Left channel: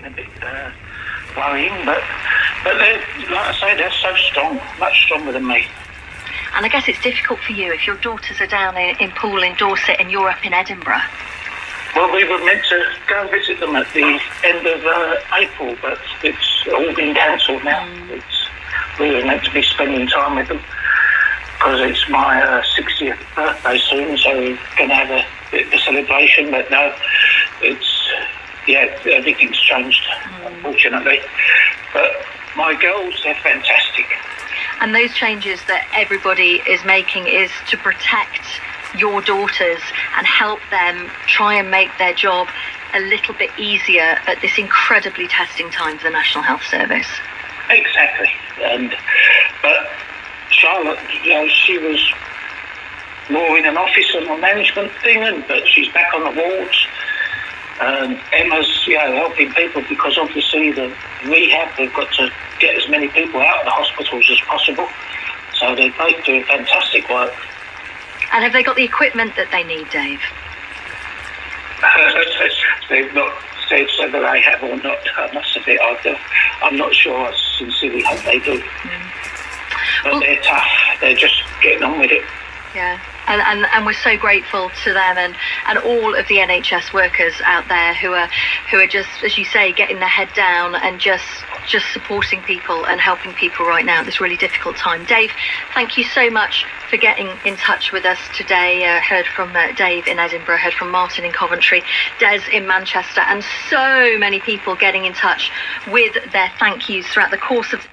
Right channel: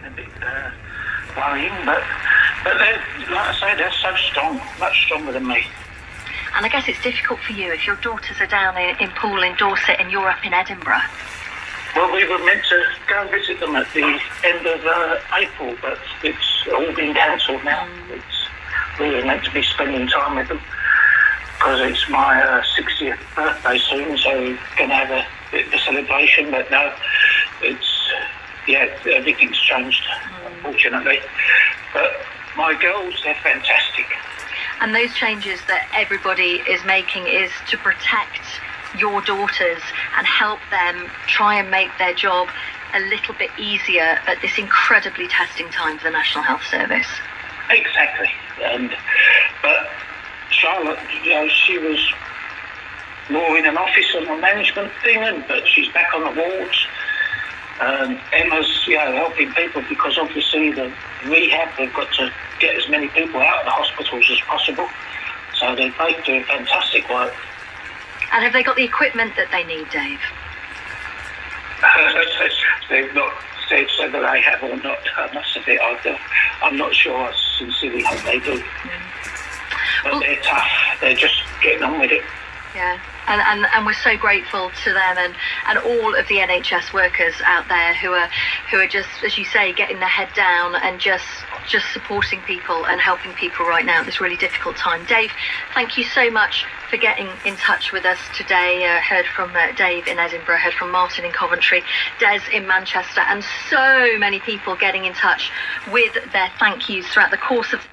getting a bit worrying, but they're, like I say, they're so strong, much stronger than me. And I guess it's difficult for you if your daughters are down in Poole in Dorset and you're up in Edinburgh. Well, we were meant to go and visit them at the end of April, but it's all been cancelled now. We were meant to be spending time with them because it's my 60th birthday soon, so we're going to have a bit of a celebration, but no, everything's changed, unfortunately. But my girls, they're fantastic. And those changes that everybody is making is to protect your daughters and help them try and make their job a little bit easier at this incredibly testing time for the National Health Service. Exactly. But Charlotte, she was more in an office and a management thing, but she's back on the wards. Emma's, helping people because obviously the rehab, they've got to get as many people out of the hospitals as possible. So they're both doing fantastic work. And have they got the equipment that they need, Dave? They've not said whether they have or not. I must admit, I'm not sure. I sincerely hope they do. But they're tough. They're just getting on with it. Yeah, and we're so grateful to them and all of the NHS workers out there who are just, as you say, getting their head down and just supporting people and helping people right now at this really difficult time. Dave, thank you so much for getting in touch with us today. Heard from Dave in Edinburgh, heard from Martin in Coventry, Des in Manchester, and so many people getting in touch with their thank yous throughout the course of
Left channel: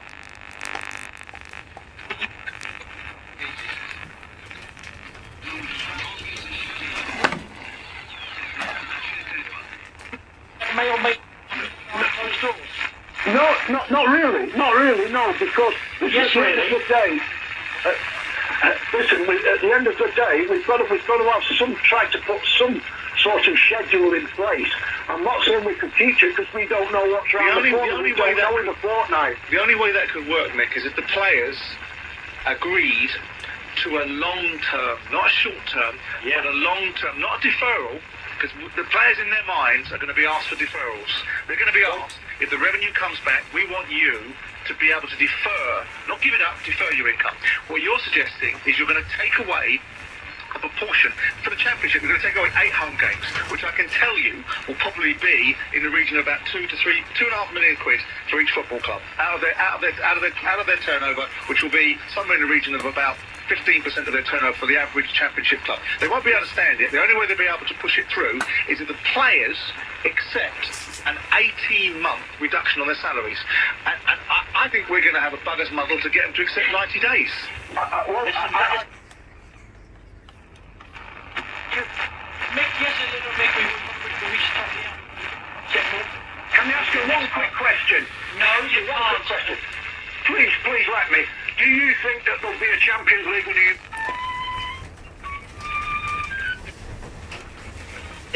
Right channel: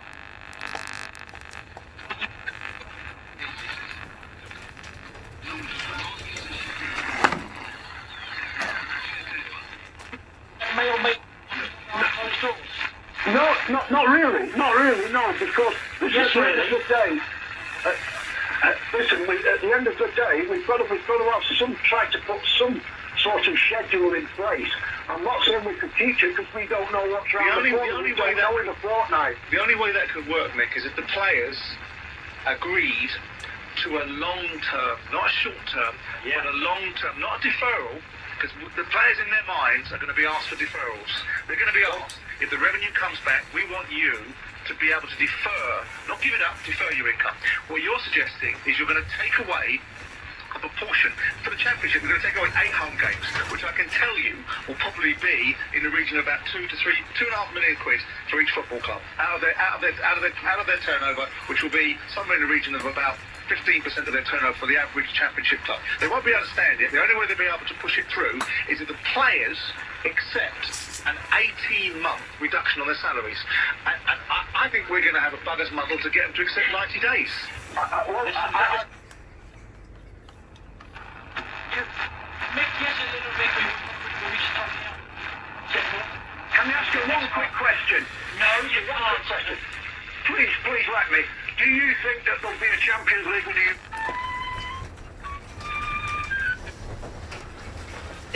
Not really, no, because at the end of the day, at the end of the day, we've got to have try to put some sort of schedule in place. I'm not saying we could teach it because we don't know what's around the corner. We don't know in a fortnight. The only way that could work, Nick, is if the players agreed to a long-term, not a short-term, but a long-term, not a deferral, because the players in their minds are going to be asked for deferrals. They're going to be asked, if the revenue comes back, we want you to be able to defer, not give it up, defer your income. What you're suggesting is you're going to take away a proportion. For the championship, we're going to take away 8 home games, which I can tell you will probably be in the region of about 2.5 million quid for each football club out of their turnover, which will be somewhere in the region of about 15% of their turnover for the average championship club. They won't be able to stand it. The only way they'll be able to push it through is if the players accept an 18-month reduction on their salaries. And I think we're going to have a bugger's muddle to get them to accept 90 days. Can I ask you one quick question? No, you can't. Please let me. Do you think that there'll be a Champions League with you?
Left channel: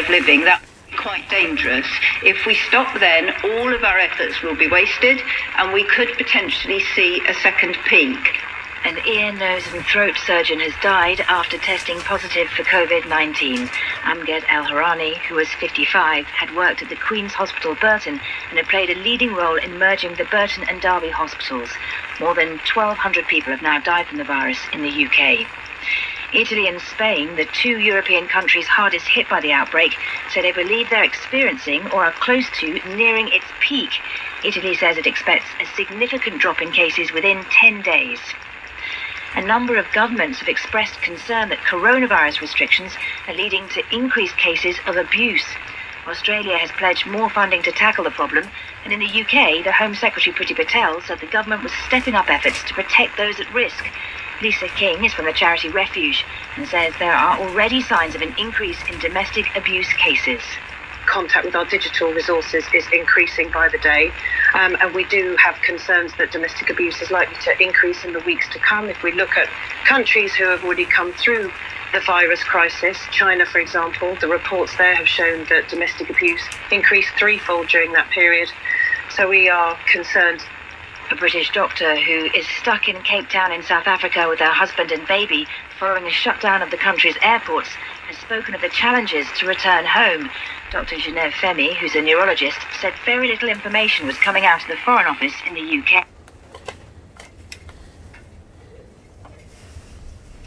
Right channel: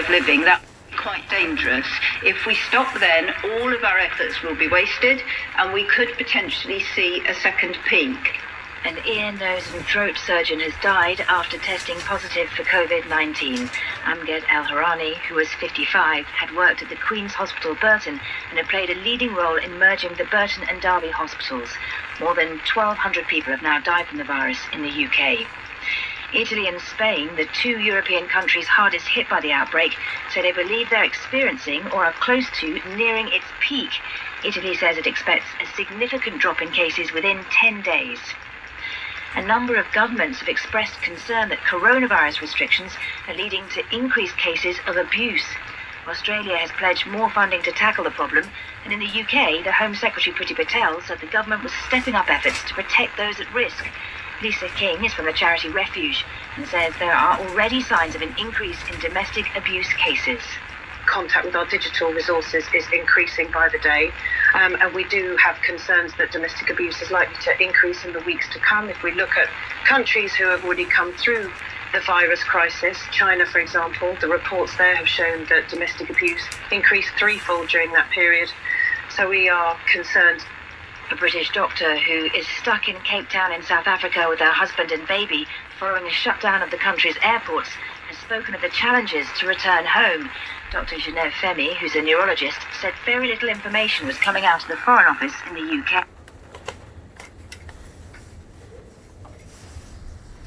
Living, that's quite dangerous. If we stop then, all of our efforts will be wasted and we could potentially see a second peak. An ear, nose and throat surgeon has died after testing positive for COVID-19. Amged El-Harani, who was 55, had worked at the Queen's Hospital Burton and had played a leading role in merging the Burton and Derby hospitals. More than 1,200 people have now died from the virus in the UK. Italy and Spain, the 2 European countries hardest hit by the outbreak, say they believe they're experiencing or are close to nearing its peak. Italy says it expects a significant drop in cases within 10 days. A number of governments have expressed concern that coronavirus restrictions are leading to increased cases of abuse. Australia has pledged more funding to tackle the problem, and in the UK, the Home Secretary Priti Patel said the government was stepping up efforts to protect those at risk. Lisa King is from the charity Refuge and says there are already signs of an increase in domestic abuse cases. Contact with our digital resources is increasing by the day, and we do have concerns that domestic abuse is likely to increase in the weeks to come. If we look at countries who have already come through the virus crisis, China, for example, the reports there have shown that domestic abuse increased threefold during that period. So we are concerned. A British doctor who is stuck in Cape Town in South Africa with her husband and baby following a shutdown of the country's airports has spoken of the challenges to return home. Dr. Genevieve Femi, who's a neurologist, said very little information was coming out of the Foreign Office in the UK.